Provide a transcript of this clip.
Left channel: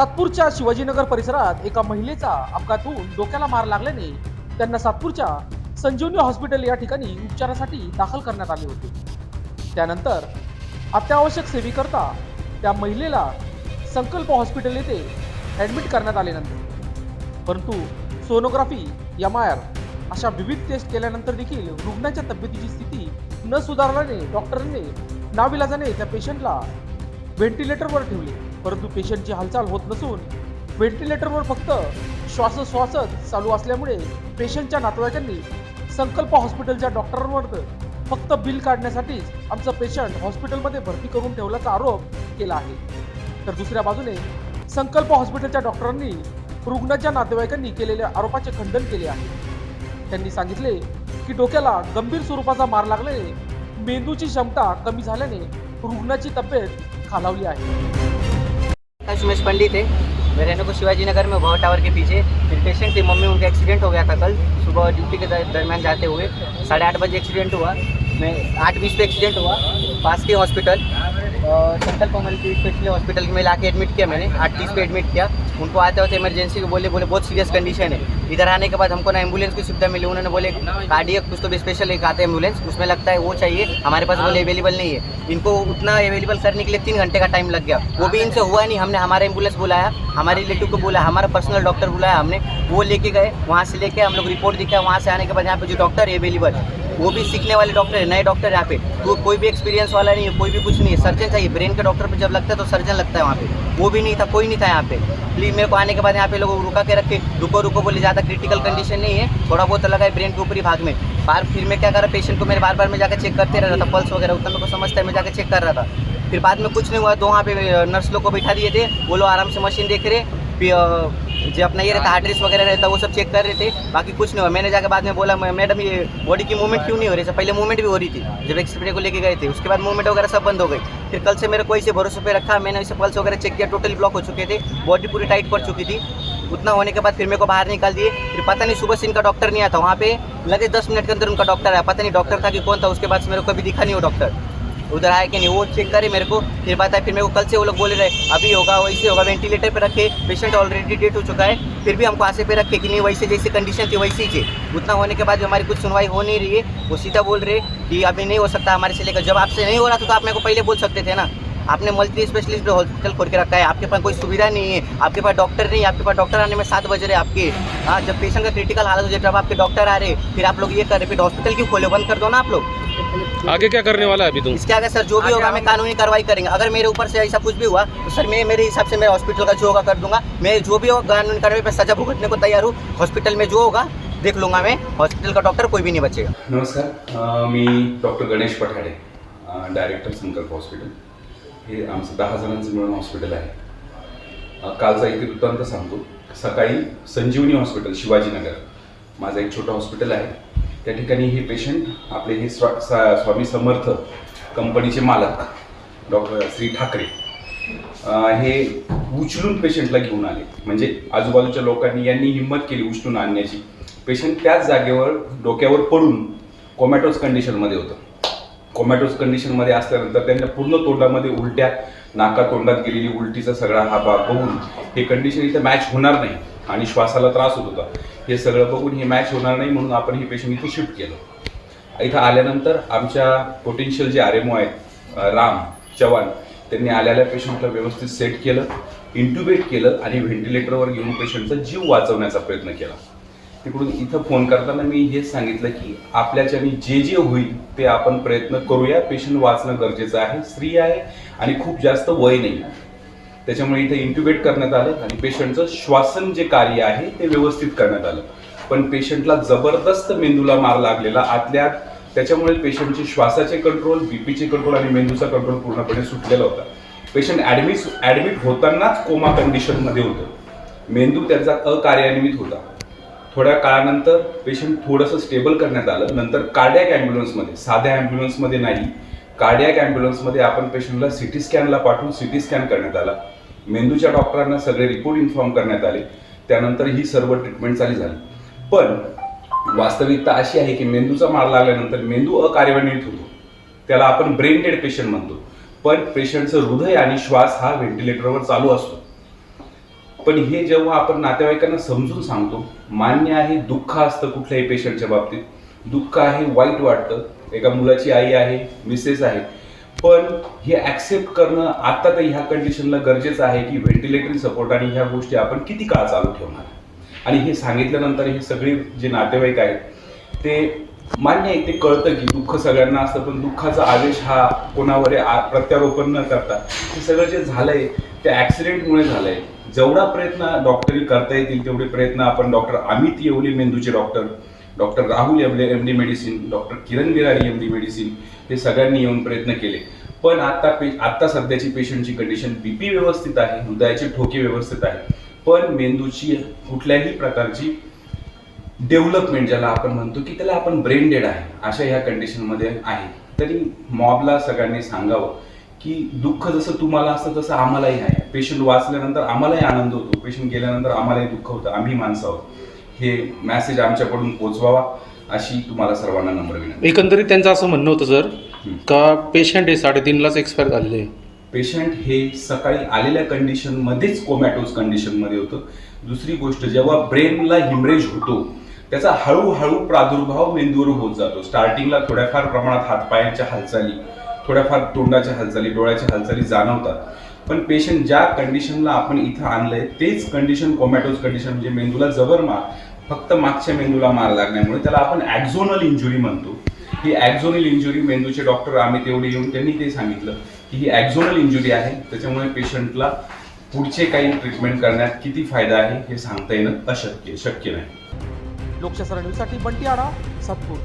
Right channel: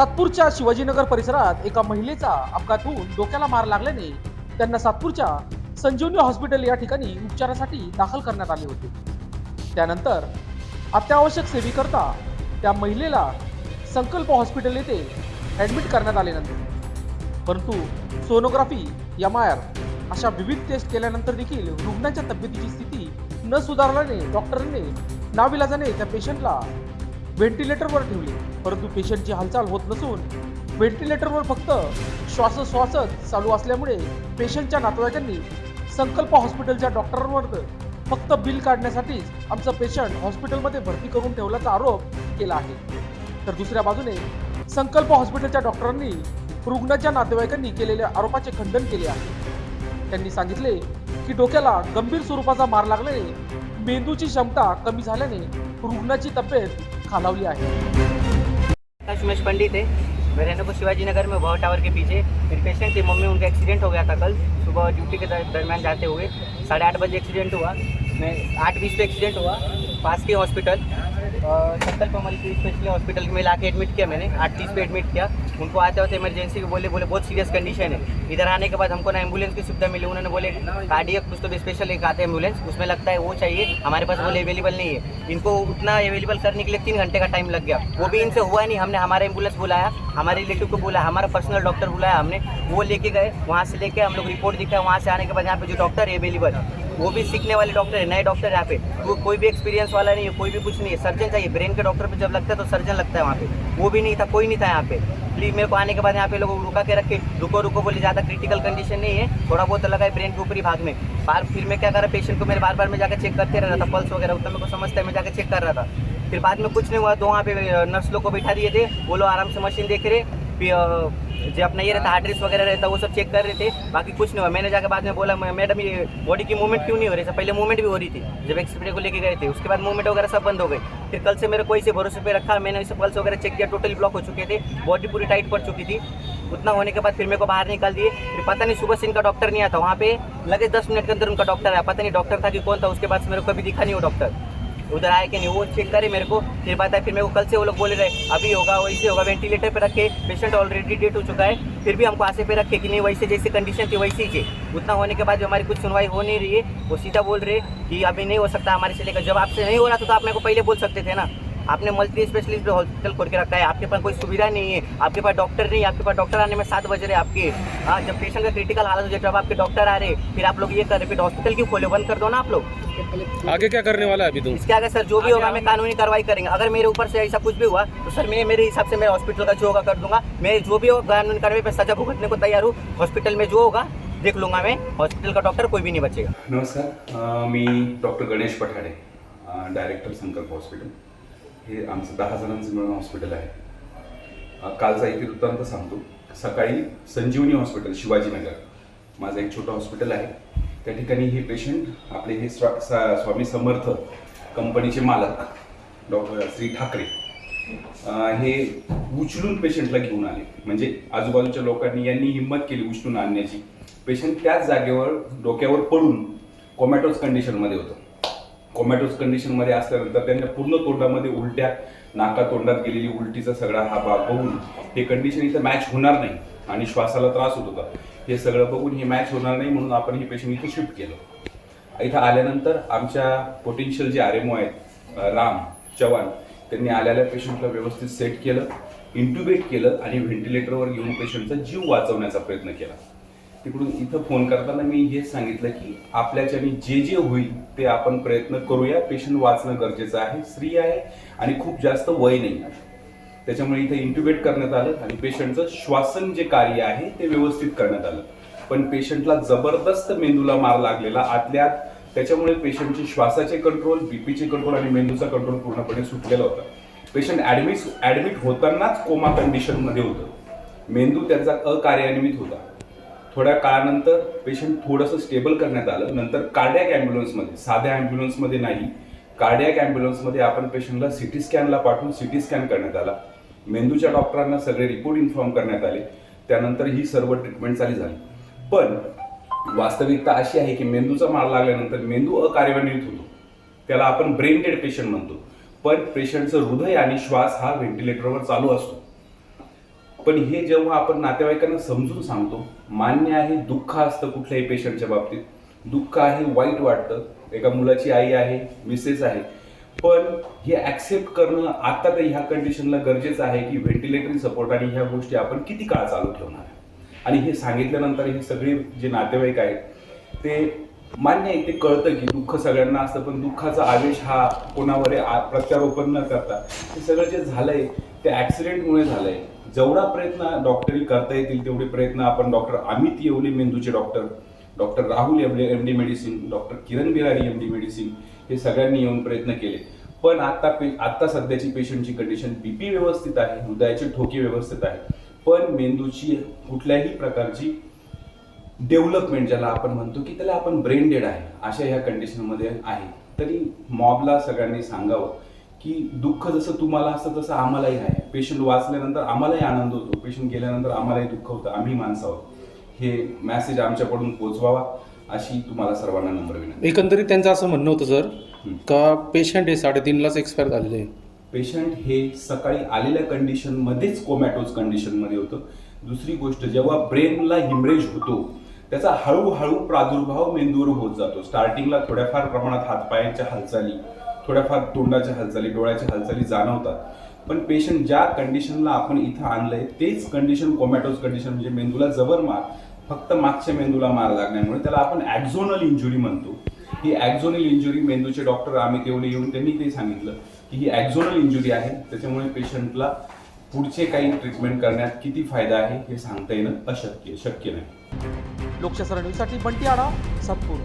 सातपूरच्या शिवाजीनगर परिसरात एका महिलेचा अपघात होऊन डोक्याला मार लागल्याने त्यांना सातपूरच्या संजीवनी हॉस्पिटल या ठिकाणी उपचारासाठी दाखल करण्यात आले होते। त्यानंतर अत्यावश्यक सेवेकरता त्या महिलेला संकल्प हॉस्पिटल येथे ऍडमिट करण्यात आल्यानंतर परंतु सोनोग्राफी MRI अशा विविध टेस्ट केल्यानंतर देखील रुग्णाच्या तब्येतीची स्थिती न सुधारल्याने डॉक्टरांनी नाविलाजाने त्या पेशंटला व्हेंटिलेटरवर ठेवले। परंतु पेशंटची हालचाल होत नसून व्हेंटिलेटरवर फक्त श्वासोच्छ्वासच चालू असल्यामुळे पेशंटच्या नातेवाईकांनी संकल्प हॉस्पिटलच्या डॉक्टरांवर फक्त बिल काढण्यासाठीच आमचं पेशंट हॉस्पिटलमध्ये भरती करून ठेवल्याचा आरोप केला आहे। तर दुसऱ्या बाजूने संकल्प हॉस्पिटलच्या डॉक्टरांनी रुग्णाच्या नातेवाईकांनी केलेल्या आरोपाचे खंडन केले आहे। त्यांनी सांगितले की डोक्याला गंभीर स्वरूपाचा मार लागल्याने मेंदूची क्षमता कमी झाल्याने रुग्णाची तब्येत खालावली आहे। सुमेश पंडित है, मैं रहने को शिवाजी नगर में भव टावर के पीछे। फिर पेशेंट थी मम्मी, उनका एक्सीडेंट हो गया था कल सुबह ड्यूटी के दरमियान जाते हुए 8:30 बजे एक्सीडेंट हुआ। मैं 8:20 पे एक्सीडेंट हुआ। पास के हॉस्पिटल संकल्प मल्टी स्पेशलिस्ट हॉस्पिटल में लाके एडमिट किया मैंने। 8:30 पे एडमिट किया। उनको आते होते इमरजेंसी को बोले बहुत सीरियस कंडीशन है। इधर आने के बाद हमको ना एम्बुलेंस की सुविधा मिली। उन्होंने बोले कार्डियक कुछ तो स्पेशल एक आता है एम्बुलेंस, उसमें लगता है वो चाहिए, हमारे पास बोले अवेलेबल नहीं है। इनको उतना अवेलेबल करने के लिए 3 घंटे का टाइम लग गया। वो भी इनसे हुआ नहीं। हमने हमारा एम्बुलेंस बुलाया, हमारे रिलेटिव को बुलाया, हमारा पर्सनल डॉक्टर बुलाया हमने, वो लेके गए। वहाँ से लेके हम लोग रिपोर्ट दिखाया। वहाँ से आने के बाद यहाँ पे जो डॉक्टर है अवेलेबल, वो भी सीखने वाले डॉक्टर है, नए डॉक्टर यहाँ पे। तो कोई भी एक्सपीरियंस वाला नहीं है, कोई भी कुछ नहीं है। सर्जन चाहिए, ब्रेन के डॉक्टर पे जब लगता है तो सर्जन लगता है वहाँ पे। वो भी नहीं था, कोई नहीं था यहाँ पे। प्लीज मेरे को आने के बाद यहाँ पे लोग रुका के रखे, रुको रुको बोले, ज़्यादा क्रिटिकल कंडीशन नहीं है, थोड़ा बहुत लगा है ब्रेन के ऊपरी भाग में। फिर मैं क्या कर रहा, पेशेंट को मेरे बार मैं जाकर चेक करते रहा था, पल्स वगैरह उतना मेरे को समझता है, मैं जाकर चेक कर रहा था। फिर बाद में कुछ नहीं हुआ तो वहाँ पे नर्स लोग को बैठा दिए थे। वो लोग आराम से मशीन देख रहे, जो अपना ये रहता हार्ट रेस वगैरह रहता वो सब चेक कर रहे थे। बाकी कुछ नहीं हुआ। मैंने जाकर बाद में बोला, मैडम ये बॉडी की मूवमेंट क्यों नहीं हो रही है? पहले मूवमेंट भी हो रही थी जब एक्सरे को लेके गए थे, उसके बाद मूवमेंट वगैरह सब बंद हो गई। फिर कल से मेरे को ऐसे भरोसे पे रखा, मैंने ऐसे पल्स वगैरह चेक किया, टोटली ब्लॉक हो चुके थे, बॉडी पूरी टाइट पड़ चुकी थी। उतना होने के बाद फिर मेरे को बाहर निकाल दिए। फिर पता नहीं सुबह से इनका डॉक्टर नहीं आता, वहाँ पे लगे 10 मिनट के अंदर उनका डॉक्टर आया। पता नहीं डॉक्टर था कि कौन था, उसके बाद से मेरे को कभी दिखा नहीं वो डॉक्टर उधर आया कि नहीं, वो चेक करे मेरे को। फिर बात है, फिर मेरे को कल से वो लोग बोले रहे अभी होगा वैसे होगा, वेंटिलेटर पे रखे, पेशेंट ऑलरेडी डेट हो चुका है। फिर भी हमको आसे पे रखे कि नहीं वैसे जैसी कंडीशन थी वैसी थी। उतना होने के बाद भी हमारी कुछ सुनवाई हो नहीं रही है। वो सीधा बोल रहे कि अभी नहीं हो सकता हमारे से लेकर। जब आपसे नहीं हो रहा था तो आप मेरे को पहले बोल सकते थे ना। आपने मल्टी स्पेशलिस्ट हॉस्पिटल खोल के रखा है, आपके पास कोई सुविधा नहीं है, आपके पास डॉक्टर नहीं है, आपके पास डॉक्टर आने में 7 बज रहे आपके। हाँ, जब पेशेंट का क्रिटिकल हालत हो जाए तब आपके डॉक्टर आ रहे, फिर आप लोग ये कर रहे, फिर हॉस्पिटल क्यों खोले? बंद कर दो ना आप लोग। आगे क्या करने वाला है अभी तुम? इसके आगे सर जो भी होगा मैं कानूनी कार्रवाई करेंगे। अगर मेरे ऊपर से ऐसा कुछ भी हुआ तो सर मैं मेरे हिसाब से मेरे हॉस्पिटल का जो होगा कर दूंगा। मैं जो भी होगा कानूनी कार्रवाई पे सजा भुगतने को तैयार हूँ। हॉस्पिटल में जो होगा देख लूँगा मैं, हॉस्पिटल का डॉक्टर कोई भी नहीं बचेगा। नमस्कार, मी डॉक्टर गणेश पठाडे, डायरेक्टर संकल्प हॉस्पिटल। हे आमचं 10 जणांचं मिळून हॉस्पिटल आहे। कालचा एक वृत्तांत सांगतो। सकाळी संजीवनी हॉस्पिटल शिवाजीनगर, माझं एक छोटं हॉस्पिटल आहे, त्या ठिकाणी हे पेशंट आपले हे स्वामी समर्थ कंपनीचे मालक डॉक्टर श्री ठाकरे हे उचलून पेशंटला घेऊन आले। म्हणजे आजूबाजूच्या लोकांनी यांनी हिंमत केली उचलून आणण्याची। पेशंट त्याच जागेवर डोक्यावर पडून कोमॅटोज कंडिशनमध्ये होतं। कोमॅटोज कंडिशनमध्ये असल्यानंतर त्यांच्या पूर्ण तोंडामध्ये उलट्या, नाका तोंडात गेलेली उलटीचा सगळा हा भाग बघून हे कंडिशन इथं मॅच होणार नाही आणि श्वासाला त्रास होत होता। हे सगळं बघून हे मॅच होणार नाही म्हणून आपण हे पेशंट इथं शिफ्ट केलं। इथं आल्यानंतर आमच्या पोटेन्शियल जे RMO आहेत राम चव्हाण, त्यांनी आलेल्या पेशंटला व्यवस्थित सेट केलं, इंट्युबेट केलं आणि व्हेंटिलेटरवर घेऊन पेशंटचा जीव वाचवण्याचा प्रयत्न केला। तिकडून इथं फोन करताना मी हेच सांगितलं की आपल्याच्याने जे जे होईल ते आपण प्रयत्न करूया, पेशंट वाचणं गरजेचं आहे, स्त्री आहे आणि खूप जास्त वय नाही आहे। त्याच्यामुळे इथे इंट्युबेट करण्यात आलं आणि पेशंटचं श्वासन जे कार्य आहे ते व्यवस्थित करण्यात आलं। पण पेशंटला जबरदस्त मेंदूला मार लागलेला आतल्या, त्याच्यामुळे पेशंटचे श्वासाचे कंट्रोल, बीपीचे कंट्रोल आणि मेंदूचा कंट्रोल पूर्णपणे सुटलेला होता। पेशंट ॲडमिट होतानाच कोमा कंडिशनमध्ये होतं, मेंदू त्यांचा अकार्यान्वित होता। थोड्या काळानंतर पेशंट थोडंसं स्टेबल करण्यात आलं। नंतर कार्डियक ॲम्ब्युलन्समध्ये, साध्या ॲम्ब्युलन्समध्ये नाही, कार्डियक ॲम्ब्युलन्समध्ये आपण पेशंटला CT स्कॅनला पाठवून CT स्कॅन करण्यात आला। मेंदूच्या डॉक्टरांना सगळे रिपोर्ट इन्फॉर्म करण्यात आले। त्यानंतर ही सर्व ट्रीटमेंट चालू झाली। पण वास्तविकता अशी आहे की मेंदूचा मार लागल्यानंतर मेंदू अकार्यान्वित होतो, त्याला आपण ब्रेन डेड पेशंट म्हणतो। पण पेशंटचं हृदय आणि श्वास हा व्हेंटिलेटरवर चालू असतो। पण हे जेव्हा आपण नातेवाईकांना समजून सांगतो, मान्य आहे दुःख असतं कुठल्याही पेशंटच्या बाबतीत, दुःख आहे, वाईट वाटतं, एका मुलाची आई आहे, मिसेस आहे, पण हे ॲक्सेप्ट करणं आता तर ह्या कंडिशनला गरजेचं आहे की व्हेंटिलेटरी सपोर्ट आणि ह्या गोष्टी आपण किती काळ चालू ठेवणार. आणि हे सांगितल्यानंतर हे सगळे जे नातेवाईक आहेत ते मान्य आहे, ते कळतं की दुःख सगळ्यांना असतं, पण दुःखाचा आवेश हा कोणावर प्रत्यारोपण न करता हे सगळं जे झालंय ते ॲक्सिडेंटमुळे झालंय. जेवढा प्रयत्न डॉक्टरी करता येतील तेवढे प्रयत्न आपण डॉक्टर अमित येवले मेंदूचे doctor, doctor Rahul Yevle MD medicine, doctor Kiran Birari MD medicine हे सगळ्यांनी येऊन प्रयत्न केले. पण आता सध्याची पेशंटची कंडिशन BP व्यवस्थित आहे, हृदयाचे ठोके व्यवस्थित आहे, पण मेंदूची कुठल्याही प्रकारची डेव्हलपमेंट ज्याला आपण म्हणतो की त्याला आपण ब्रेन डेड आहे अशा ह्या कंडिशनमध्ये आहे. तरी मॉबला सगळ्यांनी सांगावं की दुःख जसं तुम्हाला असतं तसं आम्हालाही आहे. पेशंट वाचल्यानंतर आम्हालाही आनंद होतो, पेशंट गेल्यानंतर आम्हालाही दुःख होतं, आम्ही माणसं आहोत. हे मॅसेज आमच्याकडून पोचवावा अशी तुम्हाला सर्वांना नम्र विनंती. एकंदरीत त्यांचं असं म्हणणं होतं सर का पेशंट हे 3:30लाच एक्सपायर झालेले. पेशंट हे सकाळी आलेल्या कंडिशनमध्येच कोमॅटोज कंडिशनमध्ये होतं. दुसरी गोष्ट, जेव्हा ब्रेनला हिमरेज होतो त्याचा हळूहळू प्रादुर्भाव मेंदूवर होत जातो. स्टार्टिंगला थोड्याफार प्रमाणात हातपायांच्या हालचाली, थोड्याफार तोंडाच्या हालचाली, डोळ्याच्या हालचाली जाणवतात, पण पेशंट ज्या कंडिशनला आपण इथं आणलंय तेच कंडिशन कोमॅटोज कंडिशन, म्हणजे मेंदूला जबर मार, फक्त मागच्या मेंदूला मार लागण्यामुळे त्याला आपण ॲक्झोनल इंजुरी म्हणतो. ही ॲक्झोनल इंजुरी मेंदूचे डॉक्टर आम्ही तेवढे येऊन त्यांनी ते सांगितलं की ही ॲक्झोनल इंजुरी आहे, त्याच्यामुळे पेशंटला पुढचे काही ट्रीटमेंट करण्यात किती फायदा आहे हे सांगता येणं शक्य नाही. लोकशास्त्र न्यूजसाठी बंटी आढा, सातपूर.